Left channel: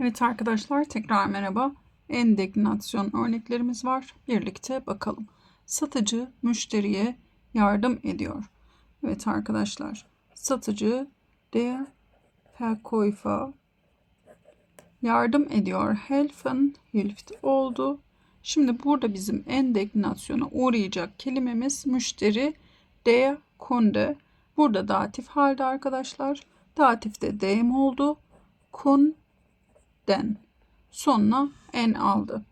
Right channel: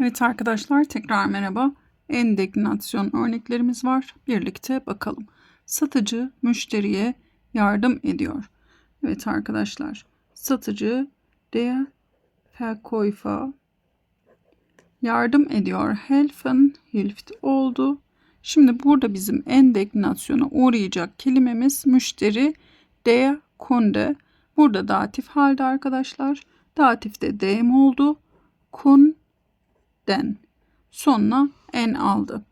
Evet arkadaşlar tekrar merhaba. Endegnasyon örneklerimiz var. Birlikte bakalım. Satıcı müşteriye yardım ediyor. Evet arkadaşlar. Satıcı der Verkäufer yardım ediyor. Helfen hilft oldu. Şimdi burada bizim endeknasyona uğrayacak kelimemiz müşteri der Kunde. Burada datif halde arkadaşlar. Datifte dem oldu. Kun den sonuna en aldı.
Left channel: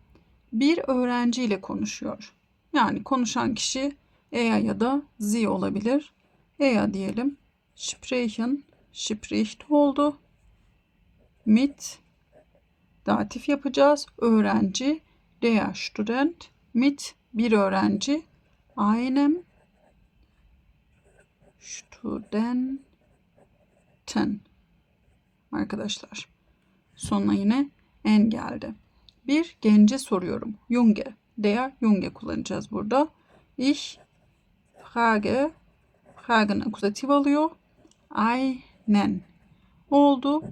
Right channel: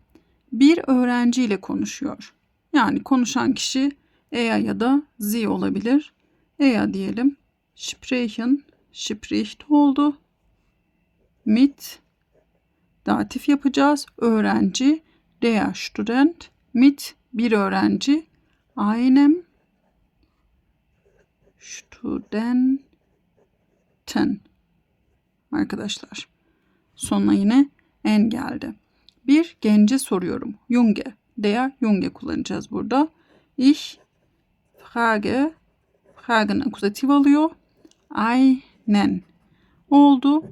Bir öğrenciyle konuşuyor. Yani konuşan kişi Eya ya da Sie olabilir. Eya diyelim. Sprechen, spricht oldu. Mit datif yapacağız. Öğrenci der Student mit bir öğrenci einem Studenten arkadaşlar. Sonuna yine en geldi. Bir gence soruyorum. Junge. Der Junge kullanacağız burada. Ich frage. Fragen akuzatif oluyor. Einen. Oldu.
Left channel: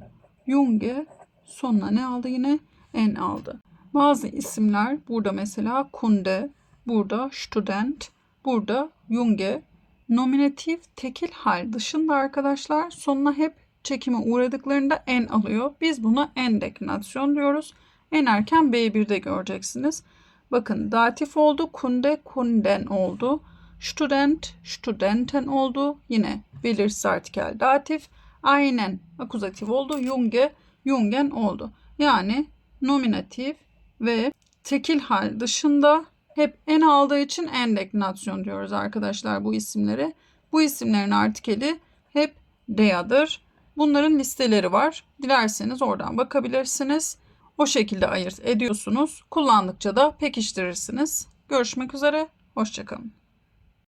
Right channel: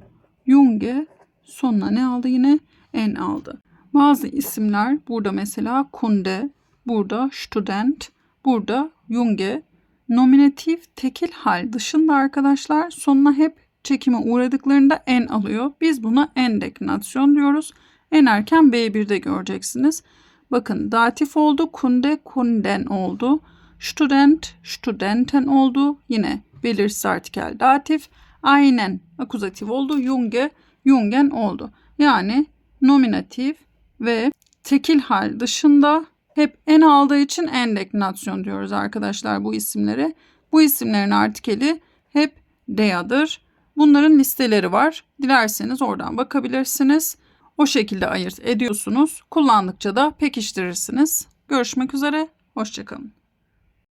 Junge. Sonuna ne aldı yine? En aldı. Bazı isimler burada mesela Kunde, burada Student, burada Junge. Nominatif tekil hal dışında arkadaşlar sonuna hep çekime uğradıklarında en alıyor. Biz buna en deklinasyon diyoruz. En erken B1'de göreceksiniz. Bakın datif oldu. Kunde kunden oldu. Student studenten oldu. Yine belirsiz artikel datif. Aynen akuzatif oldu. Junge jungen oldu. Yani nominatif ve tekil hal dışında hep en aldığı için en deklinasyon diyoruz arkadaşlar bu isimlere. Bu isimlerin artikeli hep dea'dır. Bunların listeleri var. Dilerseniz oradan bakabilirsiniz. O şekilde ayırt ediyorsunuz. Kullandıkça da pekiştirirsiniz. Görüşmek üzere. Hoşçakalın.